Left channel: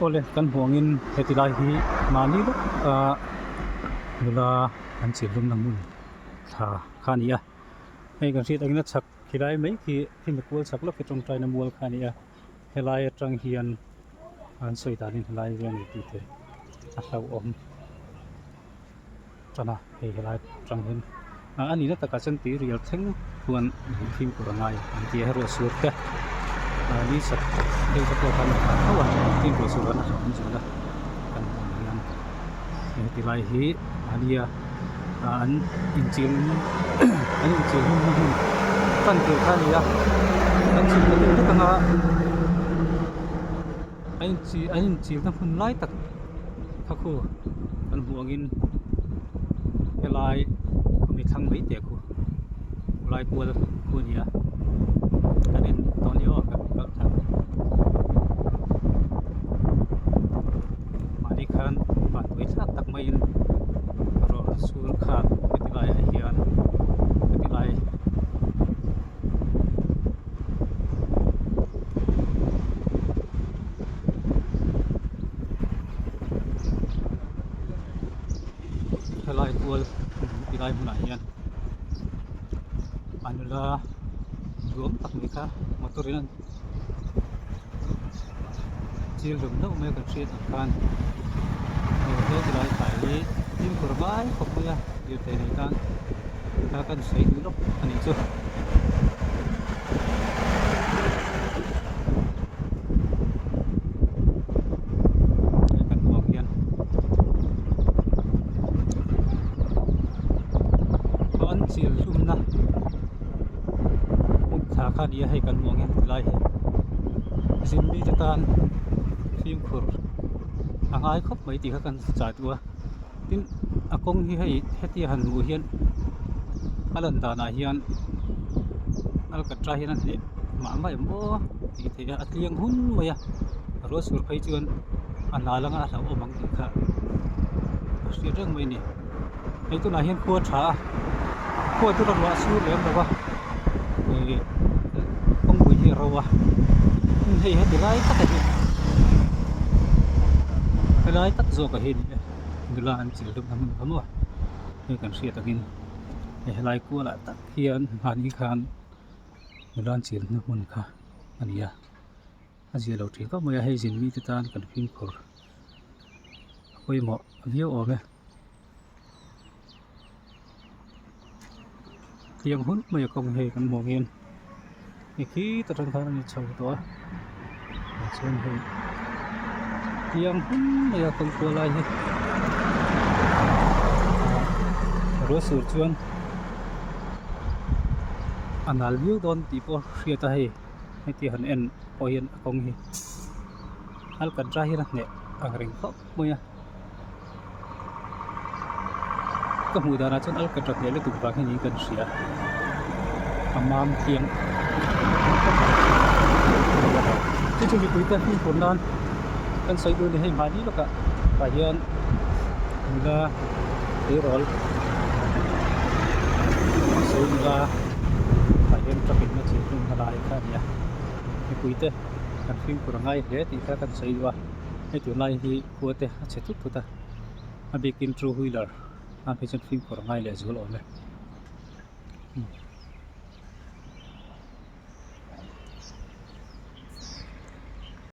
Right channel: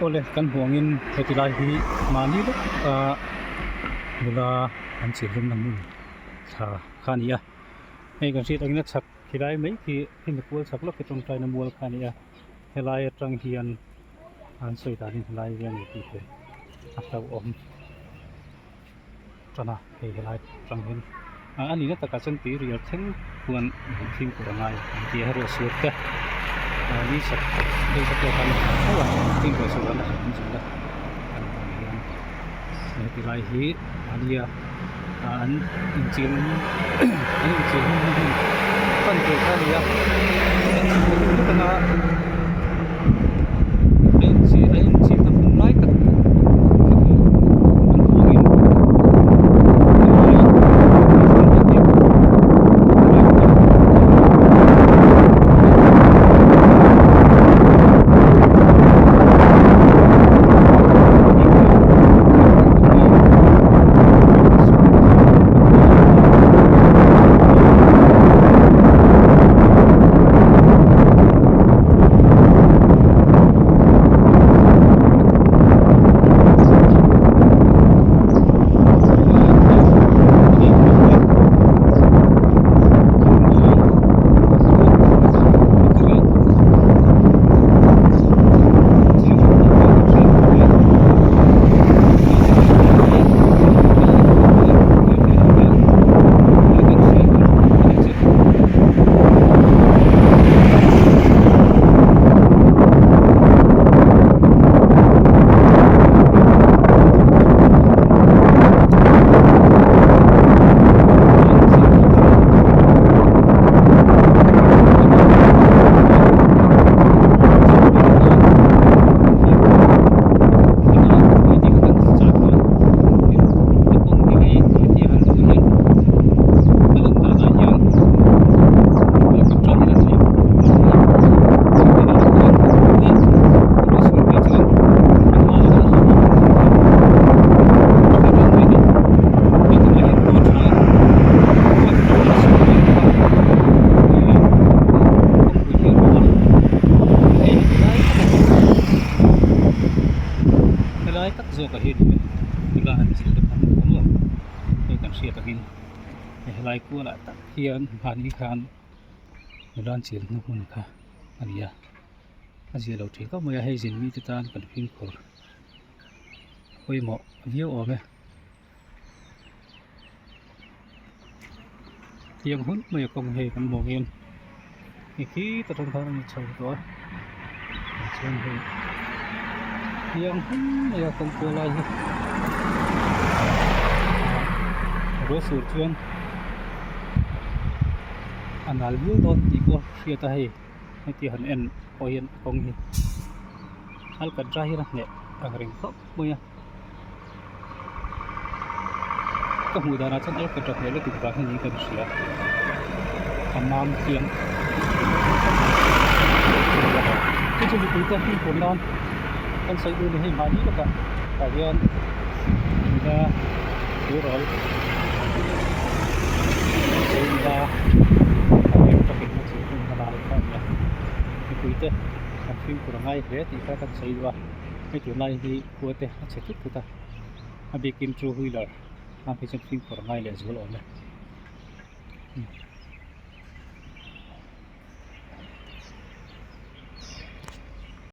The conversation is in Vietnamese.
ole kan huangin hetilai hi mani lok nula an chi lum nam mun tha khania hei kan ri tangina chak hilai mai ki mekul chak lok ke tong trai na mual khania helai atang hian an soi danin helai riang ni ti the a hlauhawm tana hei helai tang hin ani na taka chan ti rial theng huan phim kurangai an ti hero suat ka ni sak hei sak kan hawa phim ko suan na hom suan kan hian hetilai hi ania an inchim kan ke khania kan chi ka ni tanga ai chi na hun lai tak helai tak zo ka hin nula an chi dum amwa hei kan ria takin helai ku la tak hian hani khan nula an chi na mun kha ania azia lo thi ka moya hei jin mi tan kan phim khor hoi mo view ome tiang hun moya kong hei kan mo ngin ki ta thang thang ni chau to chen hei tiang hun moya kong ko lai hi ro sur chuan anal view don ti ko ria ta hei ti han en oyen kong hi Alkatra hi na ne angring khop moya ka mu dana chon Alkatra ne le tu ba ni kan ria amam tiang cái chuyện cuối tuần thì cũng đang kan sai du ni hei mani laka ka hian nga turol nga ka hian traffic na chu tum halai kha nia ni puite kan phim kurangai le ti ka kan sai wa hei tu lai hi kuate a che thuk thuta a bikin true wheeler a phim kurangai le zul ome